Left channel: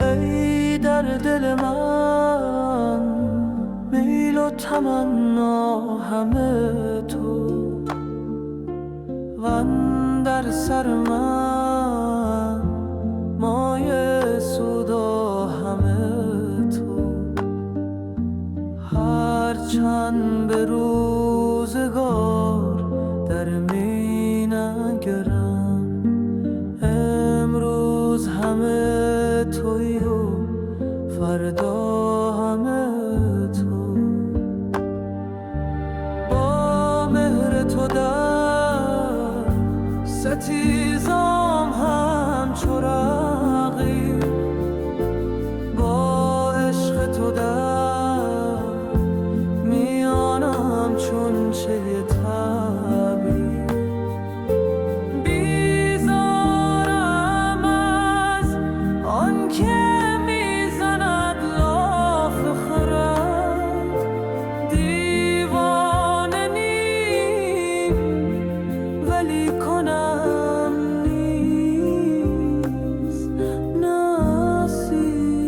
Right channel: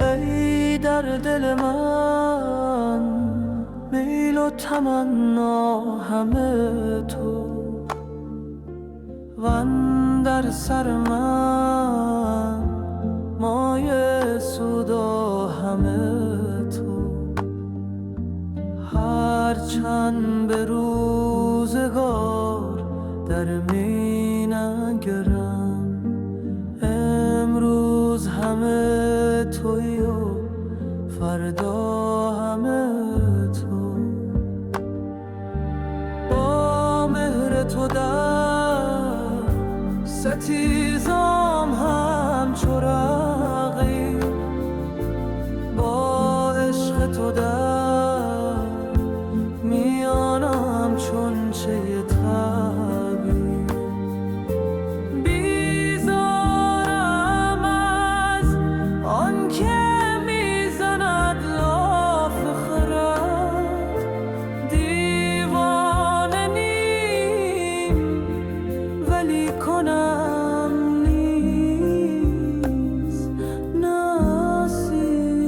ای در دل من میل و تمنا همه تو، وان در سر من مایه سود و همه تو. هرچند به روزگار در می نگرم، امروز همه تویی و فردا همه تو. با مهر تو در ستیزام همچو رقیب، با عشق تو در میانم چون چه طبیب. بیزارم از آن که میزند لاف خرد، دیوانه نیم ولی کنم نیز نصیب.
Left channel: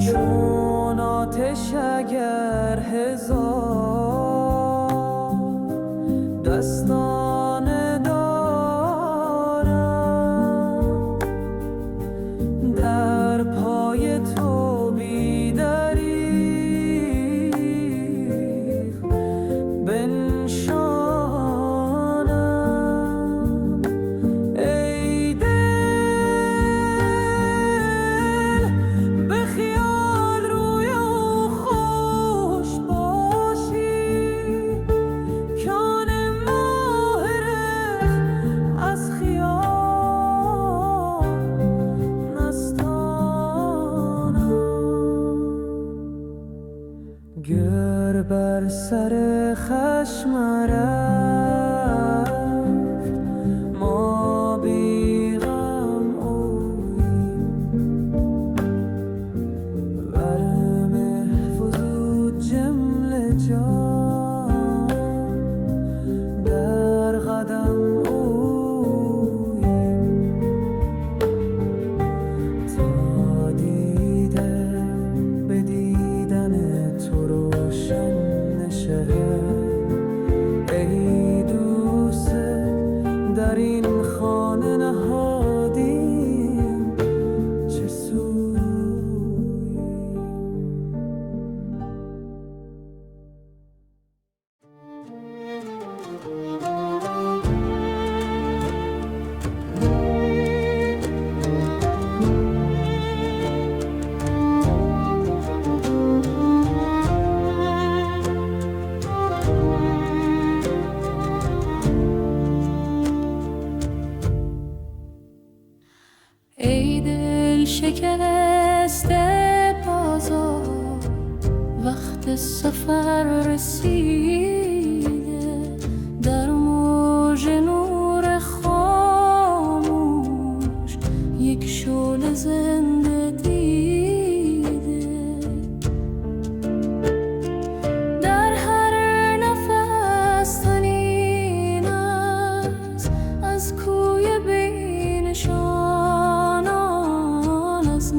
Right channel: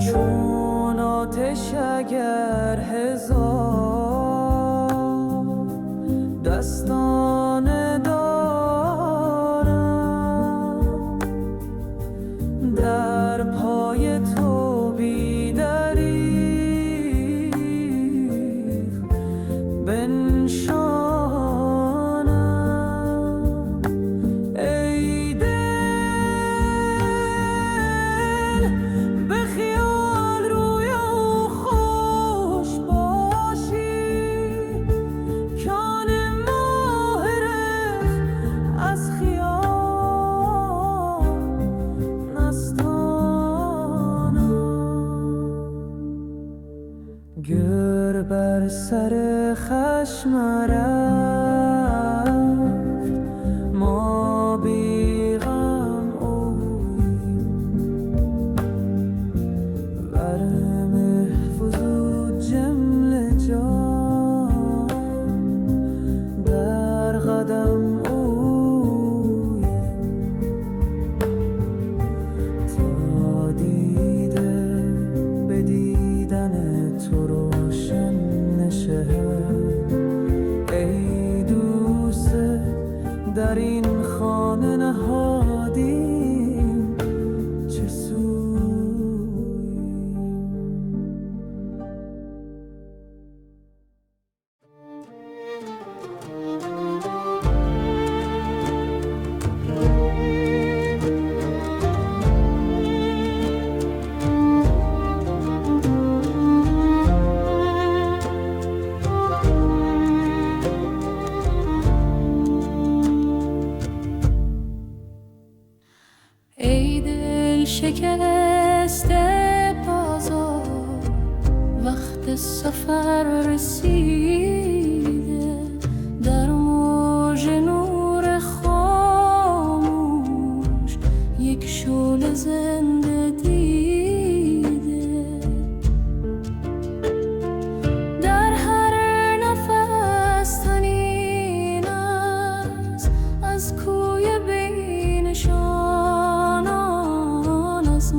چون آتش اگر هزار دستانه دارم، در پای تو بی دریغ بنشانم. ای دل به خیال روی او خوش باشی، کان ماه رخ از خیال نستانم. گر بر سر خشم رفت ما بی غم اوییم، ور محفوظ جمله جان در قدم اوییم. تا دیده به دیدن تو روشن نشه، ای دوست در این خانه نهادیم چه سوییم. ای دل شکسته بازار، وقت سفر رسیده، در موج نور خاموش یک شعله زنده دیده. در هر نفس تنین است از کوی بینشان، از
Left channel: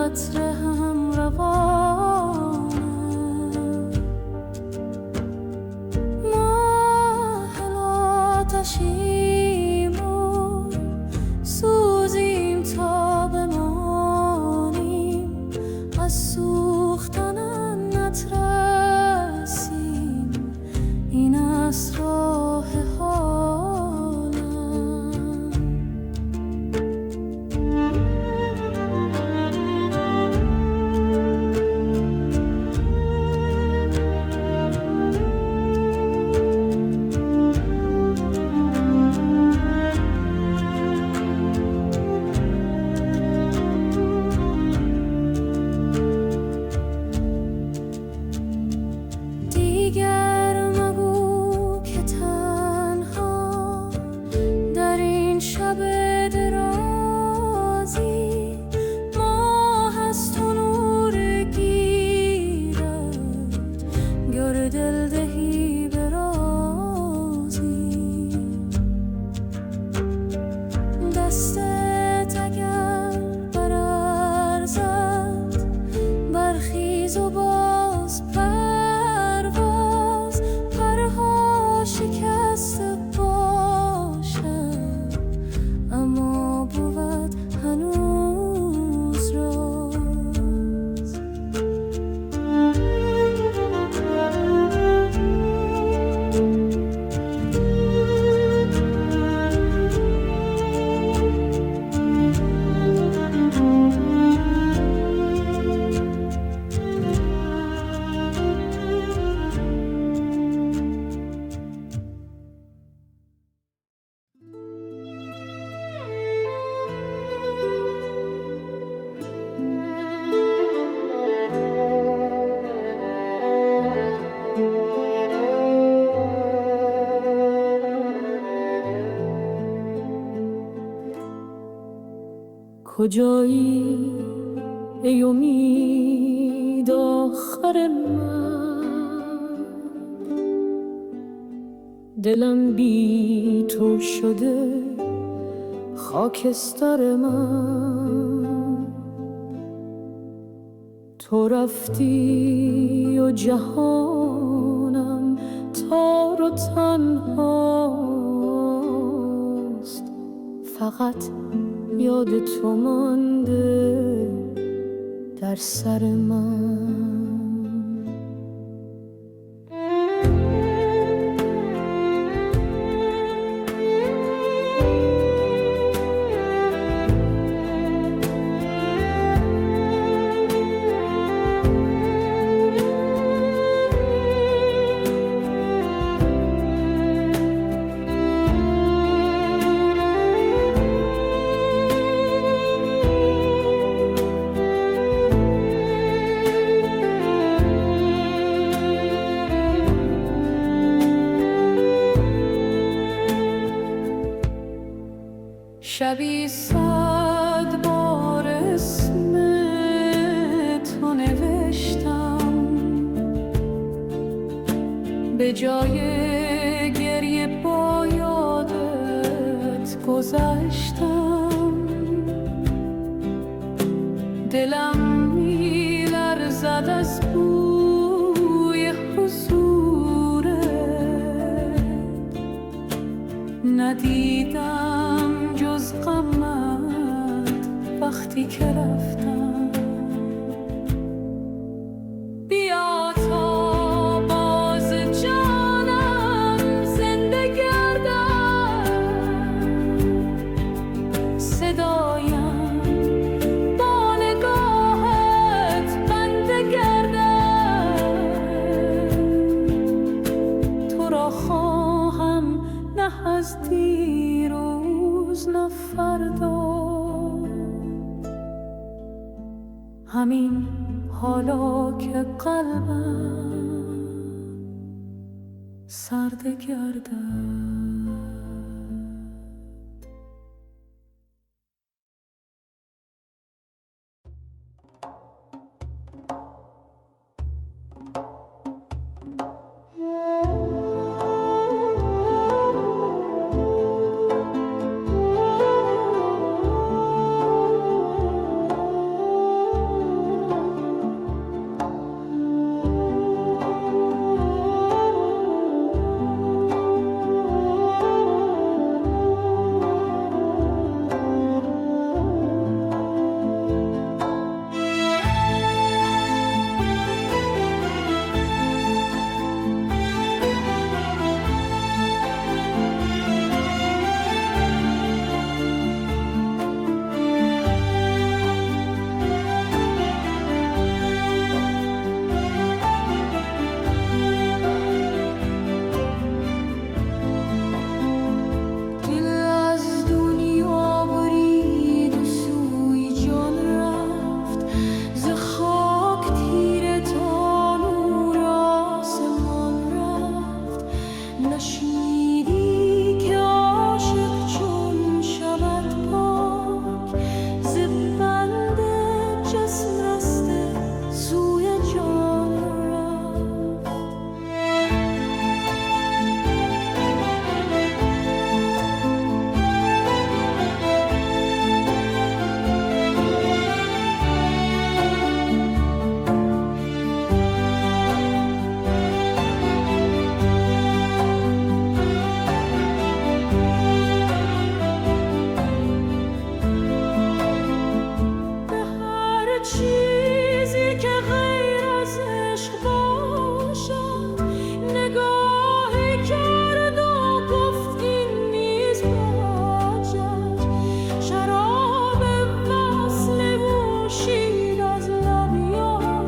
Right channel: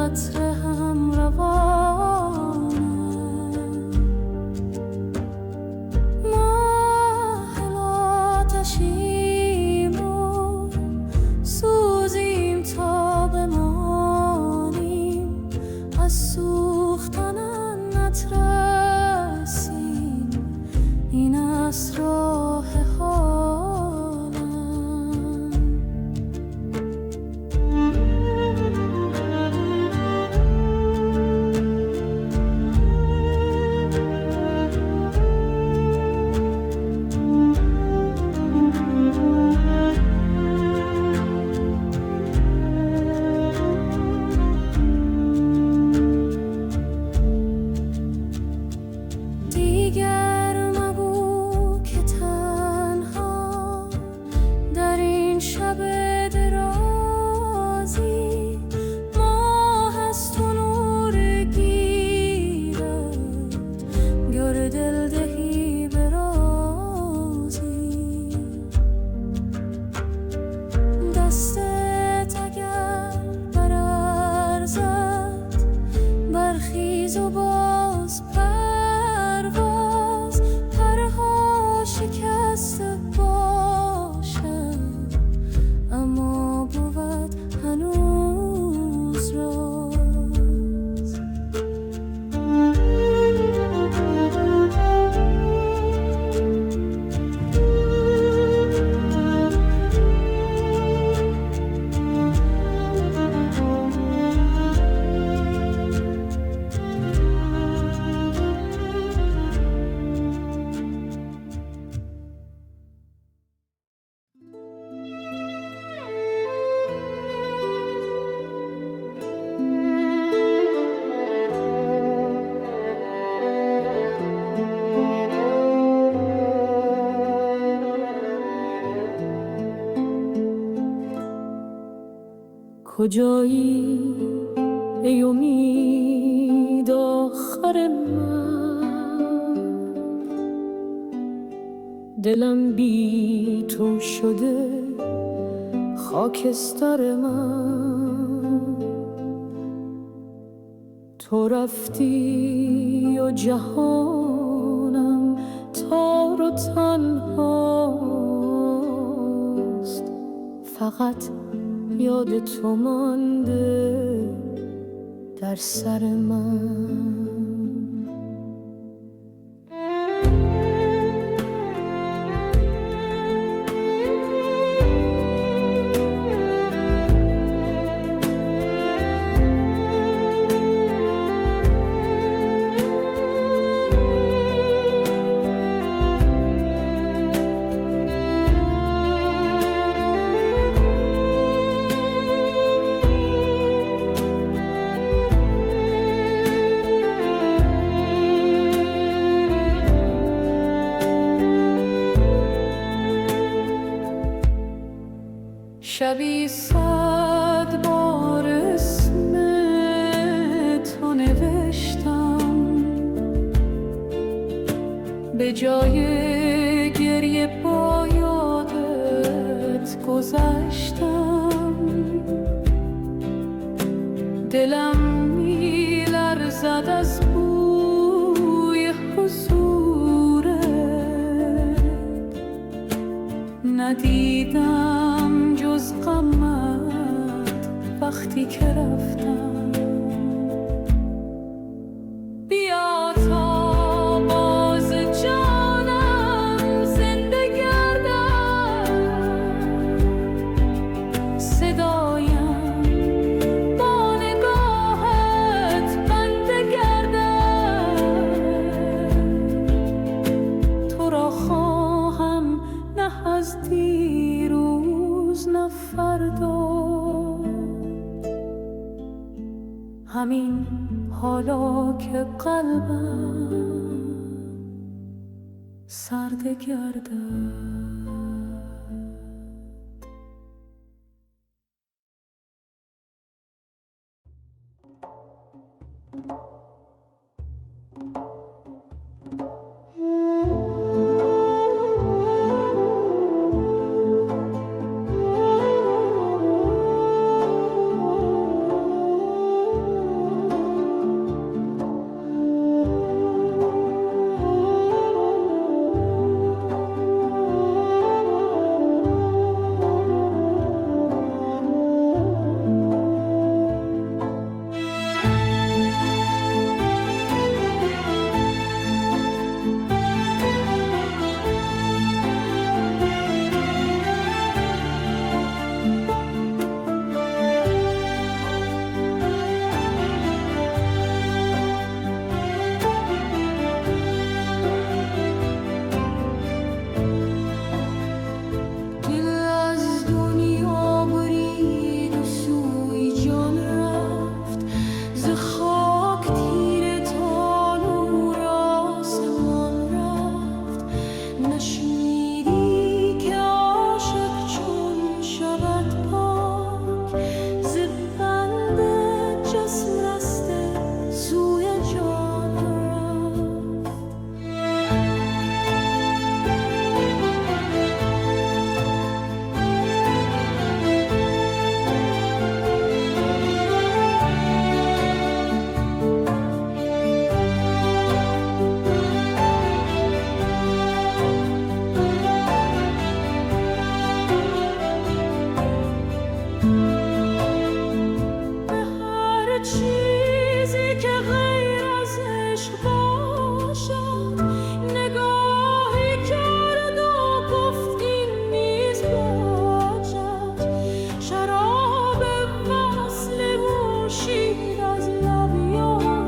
قطره هم روانم. ما هل آتشیم و سوزیم تا بمانیم، از سوختن نترسیم، این است راه حالم. دیگر مگو که تنها در این شب درازی، ماه از تو نور گیرد، گر دل دهی به رازی. دستت اگر برارزد، برخیز و باز پرواز، پرها شکسته باشد، اما بود هنوز راز. کجایی ای امید آخر من، دلم بی تو شده خاکستر من. تو رفتی و جهانم تار و تنهاست، فقط یاد تو مانده در سر من. شبی 100 بار اسم تو نوشتم، به جای گریه با یادت گذشتم. دلم می‌لرزد از بوی حضورت، ندیدم جز غمت وقتی که رفتم. بیا تا باز جانم زنده گردد، صدایم با نگاهت بنده گردد. تو را خواهم نه از دیروز نه فردا، همین حالا که قلبم سرد گردد. جسم رسته سوی جان رفت. چیزی که غیر از عشق باشد نگاهی کرد و گفت این نیز باجد. شراب وصل نوشید از لب یار،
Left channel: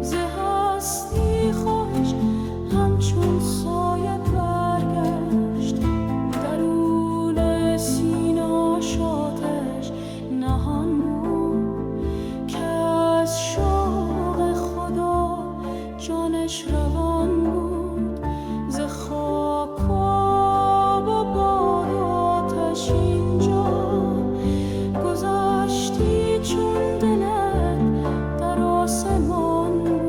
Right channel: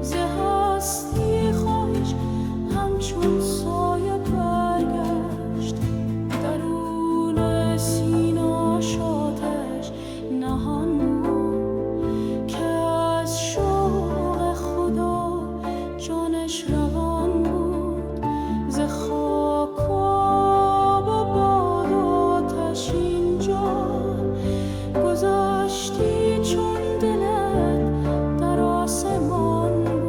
ز هستی خواهش همچون سایه برگشت. درون سینه‌اش آتش نهان بود که از شوق خدا جانش روان بود. ز خاک و آب و باد و آتش اینجا گذشتی چون دلت در آسمان بود.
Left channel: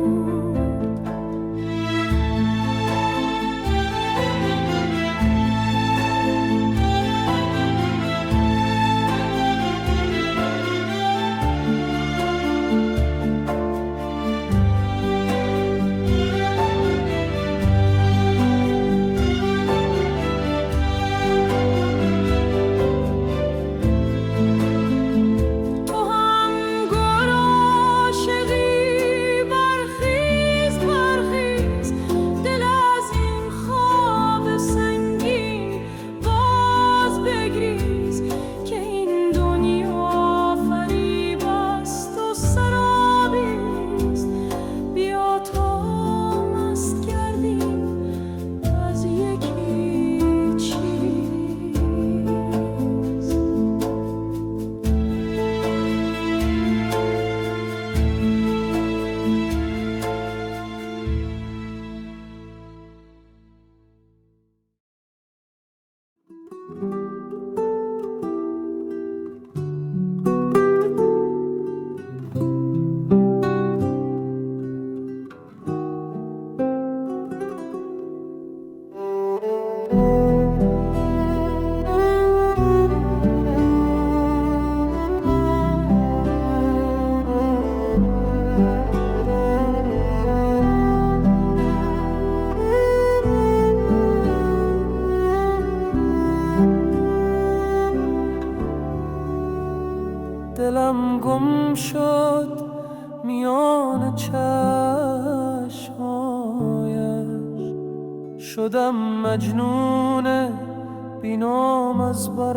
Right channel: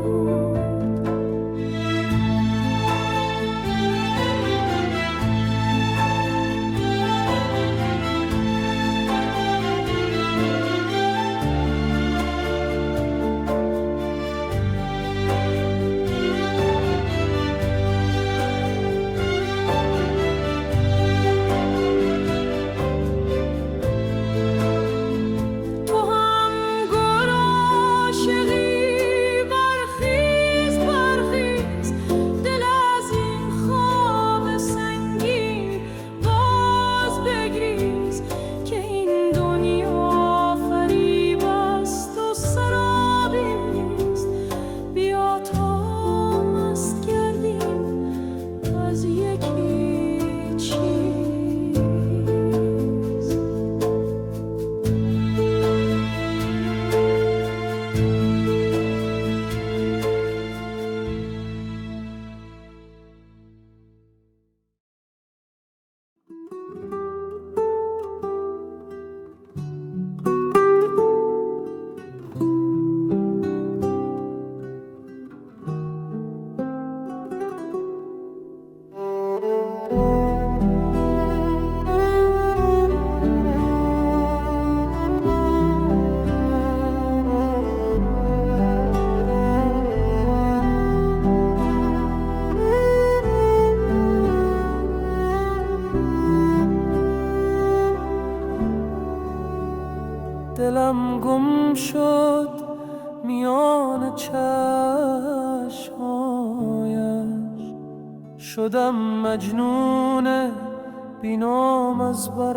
دلم گم شد میان چشمایش، شدم مجنون بینام از برایش.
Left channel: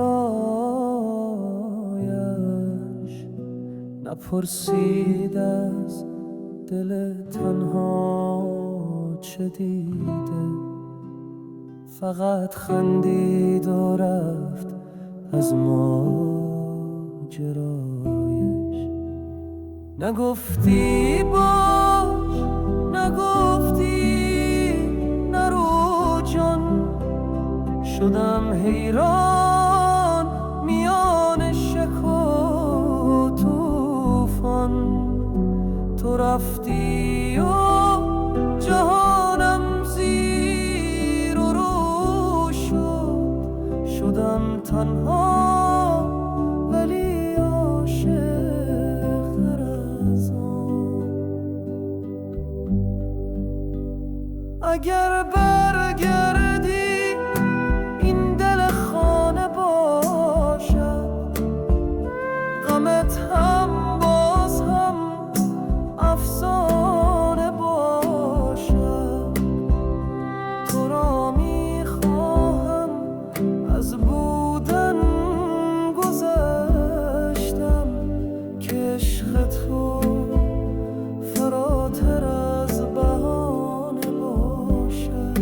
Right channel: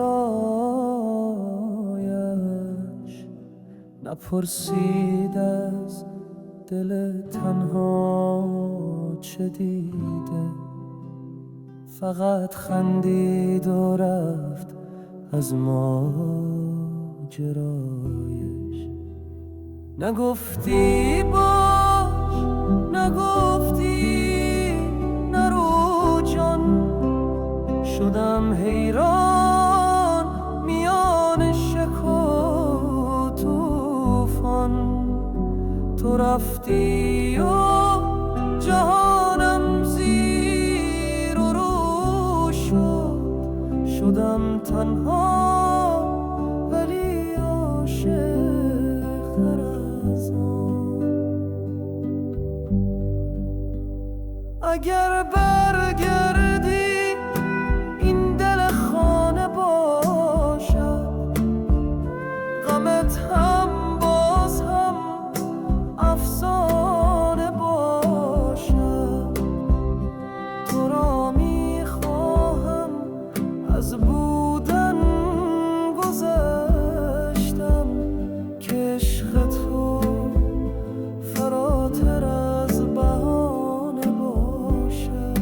نپرسید از دل تنها چه دیده، فقط خندید و رفت از ماجرایش. نگفتی باش، نگفتی نرو جان، شدم حیران میان شک و طوفان. تو رفتی و جهانم زیر و رو شد، شدم تنها ولی عاشق تر از آن. اگر برگردی این دل خانه باشد، غمت هم باز هم افسانه باشد. تو را میخواهم، از بودن گذشتم که عشق تو فراتر از بهانه باشد.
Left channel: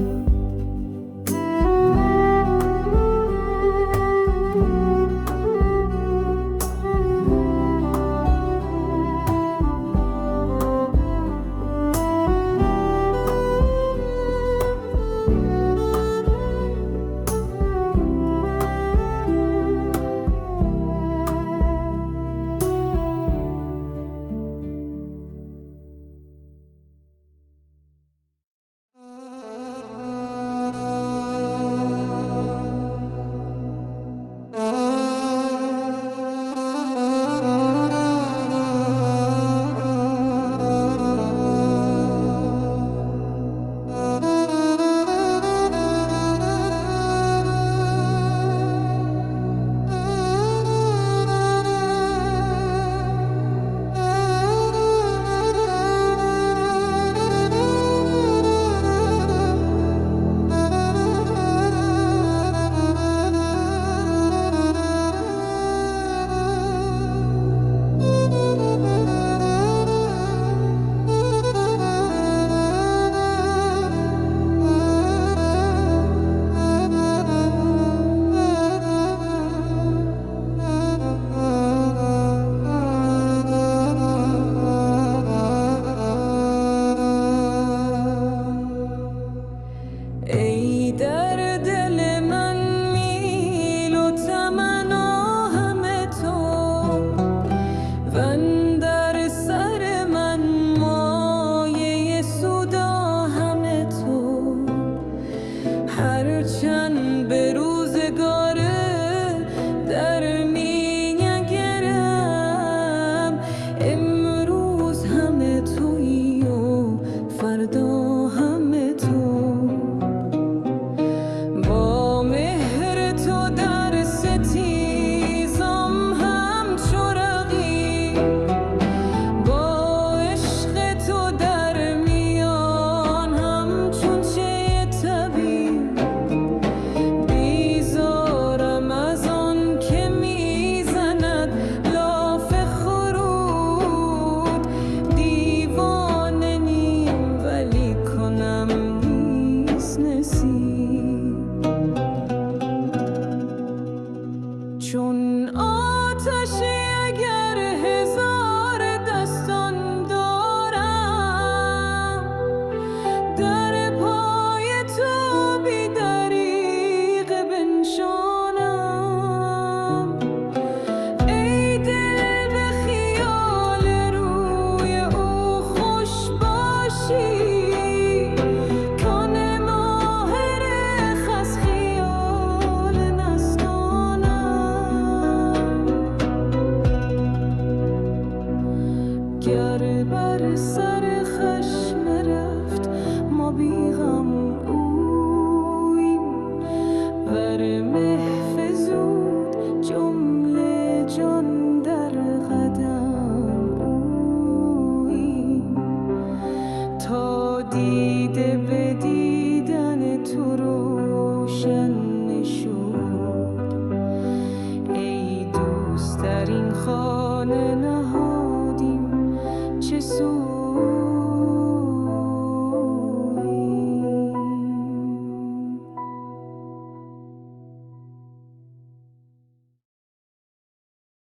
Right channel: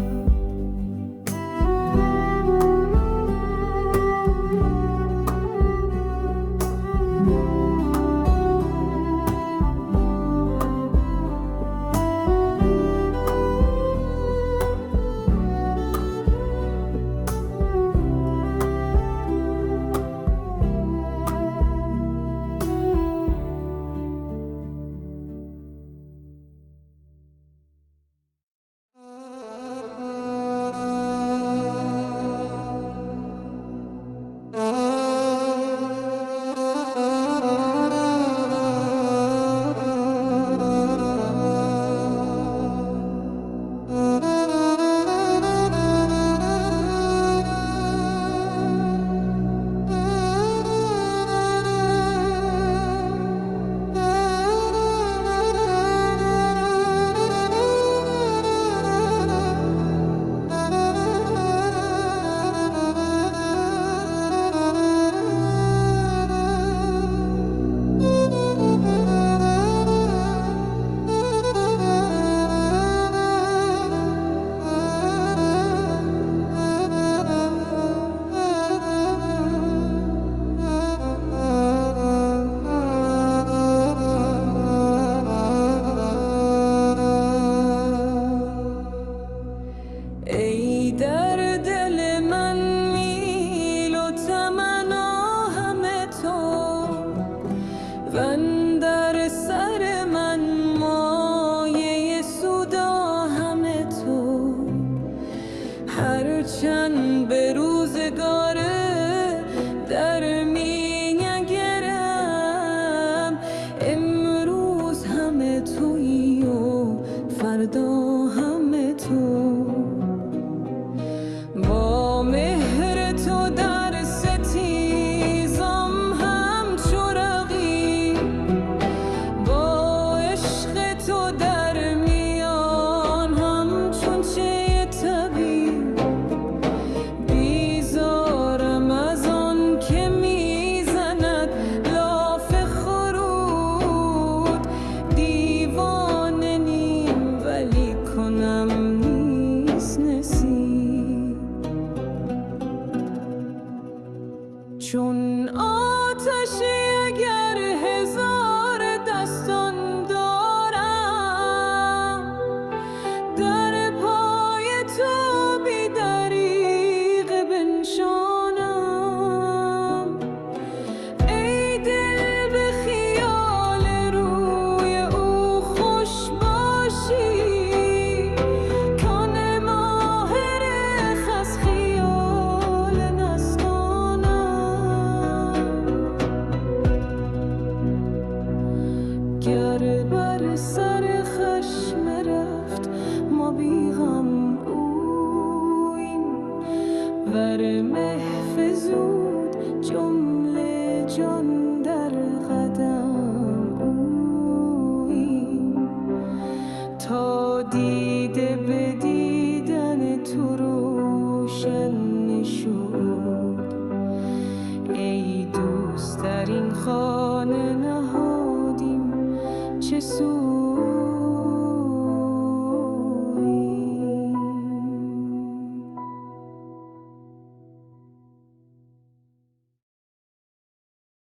بر سر من مایه سودا همه تو، هرچند به روزگار در می‌نگرم، امروز همه تویی و فردا همه تو. با مهر تو در ستیزم همچو رقیب، با عشق تو در میان همچون چه طبیب. بیزارم از آن که میزند لاف خرود، دیوانه نیم ولی کنم نیست نصیب. چون آتشی اگر هزار دستان دارم، در پای تو بی دریغ بنشانم. ای دل به خیال روی او خوش باشی، کان ماهر خس خیال نستانم. گر بر سر خشم رفت ما بیغم اویم، ور محفظود جمله جان در قدم اویم. تا دیده به دیدن تو روشن نشد، ای دوست در این خانه نهادیم چه سود.